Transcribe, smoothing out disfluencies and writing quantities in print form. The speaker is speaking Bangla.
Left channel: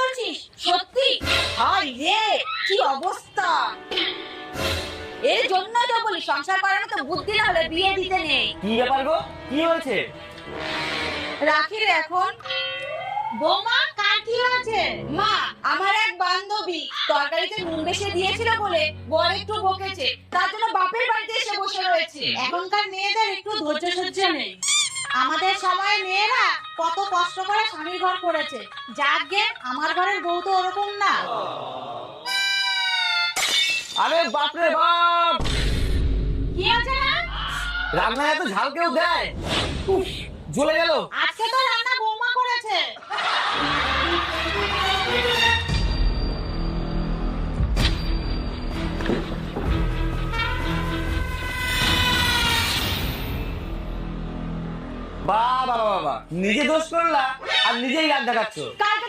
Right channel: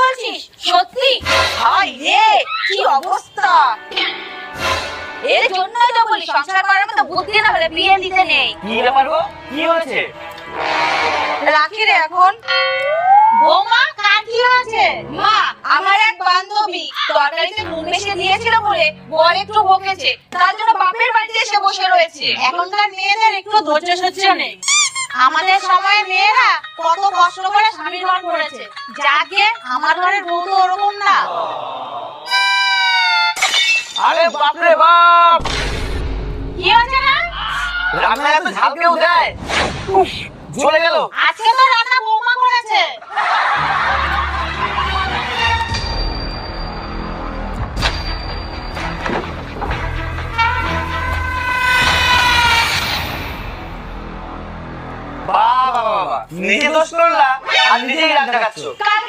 বলছিস সত্যি? হাই রে, কি অবস্থা! এর জন্যই তো বলি সংসার করার তো বুদ্ধি না হলে বিয়ে দিতে নেই। কি ব্যাপার গো, কি হয়েছে? রাখি রে এখন। বৌমা, কার কি আছে? মা, আমার এক বান্ধবী তরকারিতে নুন বেশি দিয়েছিল বলে বর একটু বকেছে, তার জন্য বাপের বাড়িতে এসে বসে রয়েছে। এখনকার মেয়েদের একটু ধৈর্য সহ্য নেই। আমাদের সময় মেয়েরা কত কষ্ট করে স্বামী ঘর করেছে, যাকে আমার ঘরের বউ তো ওরকম না। আরে বাপ রে বাপ, কি হয়েছে না? রান্না এত ঝাল কেউ দেয়? উফ, জ্বলে গেল। আজকে তো রান্না বৌমা করেছে। বাবা বাবা, নিজে দোষ করলা আর নিজেই রাগ দেখাচ্ছ। কার